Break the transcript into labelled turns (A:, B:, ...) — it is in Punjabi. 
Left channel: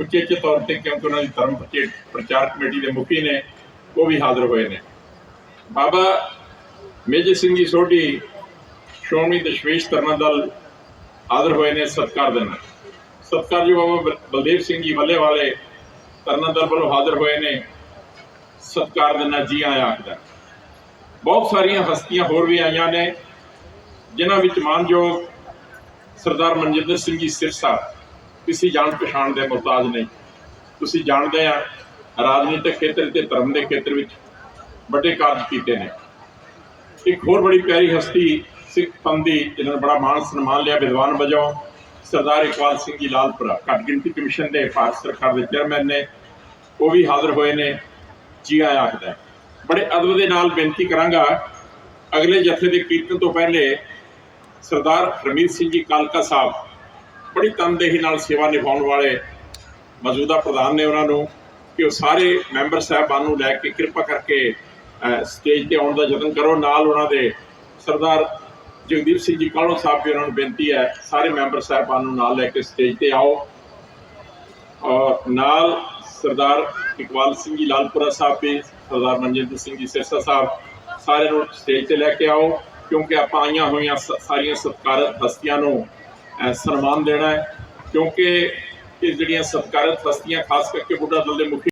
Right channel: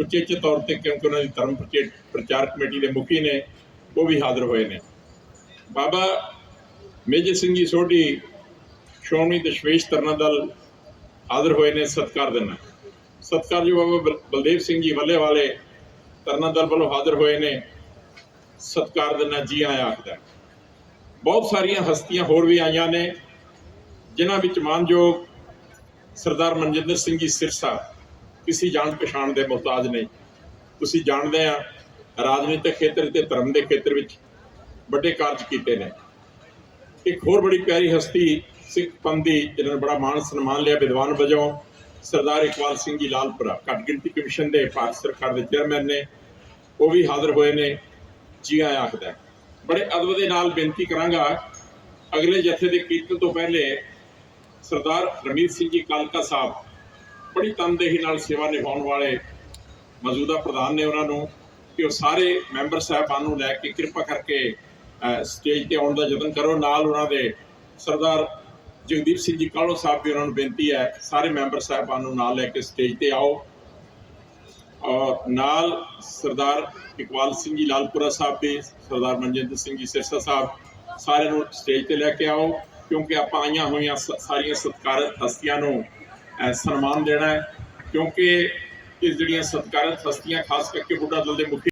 A: ਉਚੇਚੇ ਤੌਰ ਤੇ ਕਿਉਂਕਿ ਉਹਨਾਂ ਦੀ ਧਰਮ ਪ੍ਰਚੇ- ਪ੍ਰਚਾਰ ਕਮੇਟੀ ਦੇ ਮੁਖੀ ਨੇ, ਉਹ ਵੀ ਹਾਜ਼ਰ ਹੋਏ ਨੇ। ਬਾਬਾ ਮੇਜਰ ਸਿੰਘ ਜੀ ਸੋਢੀ ਸ਼੍ਰੋਮਣੀ ਦਸ਼ਮੇਸ਼ ਧਰਮਾਂ ਦਲ ਹਾਜ਼ਰ ਹੋਏ ਨੇ ਸਤਿਕਾਰ ਦੇ ਨਾਲ। ਸਤਿਕਾਰਯੋਗ ਬਾਬਾ ਬਲਦੇਵ ਸਿੰਘ ਜੀ ਵੱਲੇ ਵਾਲੇ ਧਰਮਾਂ ਦਲ ਵੱਲੋਂ ਹਾਜ਼ਰ ਹੋਏ ਨੇ, ਸਤਿਕਾਰ ਦੇ ਨਾਲ ਜੀ ਆਇਆਂ ਆਖਦਾ ਬਹੁਤ ਸਾਰੀਆਂ ਹਸਤੀਆਂ ਹੋਰ ਵੀ ਆਈਆਂ ਨੇ, ਜਿਨ੍ਹਾਂ ਵਿੱਚ ਮਾਨਯੋਗ ਸਰਦਾਰ ਮਨਜਿੰਦਰ ਸਿੰਘ ਜੀ ਸਿਰਸਾ ਕਿਸੇ ਜਾਣ ਪਛਾਣ ਦੇ ਮੁਹਤਾਜ ਨਹੀਂ। ਤੁਸੀਂ ਜਾਣਦੇ ਆ ਰਾਜਨੀਤਿਕ ਖੇਤਰ ਤੇ ਧਰਮ ਦੇ ਖੇਤਰ ਵਿੱਚ ਵੱਡੇ ਕਾਰਜ ਕੀਤੇ ਨੇ। ਇੱਕ ਹੋਰ ਬੜੀ ਪਿਆਰੀ ਹਸਤੀ ਸਿੱਖ ਪੰਥ ਦੀ ਜਿਨ੍ਹਾਂ ਨੇ ਬੜਾ ਮਾਣ ਸਨਮਾਨ ਲਿਆ, ਵਿਦਵਾਨ ਵਜੋਂ, ਸਰਦਾਰ ਇਕਬਾਲ ਸਿੰਘ ਜੀ ਲਾਲਪੁਰਾ, ਘੱਟ ਗਿਣਤੀ ਕਮਿਸ਼ਨ ਦੇ ਭਾਰਤ ਸਰਕਾਰ ਦੇ ਚੇਅਰਮੈਨ ਨੇ, ਉਹ ਵੀ ਹਾਜ਼ਰ ਹੋਏ ਨੇ, ਜੀ ਆਇਆ ਆਖਦਾ ਬੜੇ ਅਦਬ ਦੇ ਨਾਲ ਬੇਨਤੀ ਕਰਾਂਗਾ, ਅਗਲੇ ਜਥੇ ਦੇ ਕੀਰਤਨ ਤੋਂ ਪਹਿਲੇ ਸਰਦਾਰ ਹਰਮੀਤ ਸਿੰਘ ਜੀ ਕਾਲਕਾ ਸਾਹਿਬ ਬੜੀ ਤਨਦੇਹੀ ਨਾਲ ਸੇਵਾ ਨਿਭਾਉਣ ਵਾਲੇ ਮੌਜੂਦਾ ਪ੍ਰਧਾਨ ਨੇ ਉਹਨਾਂ ਨੂੰ ਕਿ ਉਹ ਸਾਰੇ ਮੈਂਬਰ ਸਾਹਿਬਾਨ ਨੂੰ ਲੈ ਕੇ ਕਿਰਪਾ ਕਰਕੇ ਸਟੇਜ ਤੇ ਆਉਣ ਦਾ ਯਤਨ ਕਰੋ। ਨਾਲ ਉਹਨਾਂ ਦੇ ਸਰਦਾਰ ਜਗਦੀਪ ਸਿੰਘ ਜੀ ਕਾਲੋ ਸਾਹਿਬ ਵੀ ਉਹਨਾਂ ਨੂੰ ਬੇਨਤੀ ਹੈ, ਸਾਰੇ ਮੈਂਬਰ ਸਾਹਿਬਾਨ ਨੂੰ ਨਾਲ ਲੈ ਕੇ ਸਟੇਜ ਤੇ ਆਓ। ਔਰ ਨਾਲ ਸਰਦਾਰ ਇਕਬਾਲ ਸਿੰਘ ਜੀ, ਲਾਲਪੁਰਾ ਸਾਹਿਬ ਵੀ, ਸਰਦਾਰ ਮਨਜਿੰਦਰ ਸਿੰਘ ਜੀ, ਸਿਰਸਾ ਸਾਹਿਬ, ਸਾਰੇ ਨੂੰ ਸਟੇਜ ਤੇ ਲੈ ਕੇ ਆਓ। ਕਿਉਂਕਿ ਆਪਾਂ ਆਈਆਂ ਹੋਈਆਂ ਸ- ਸਾਰੀਆਂ ਸਤਿਕਾਰਤ ਹਸਤੀਆਂ ਨੂੰ ਸਨਮਾਨ ਦੇਣਾ ਹੈ ਕਿਉਂਕਿ ਇਹ ਜਿਹੜੀਆਂ ਸਤਿਕਾਰਤ ਹਸਤੀਆਂ ਖਾਸ ਕਰਕੇ ਬੁੱਢਾ ਦਲ ਦੇ ਮੁਖੀ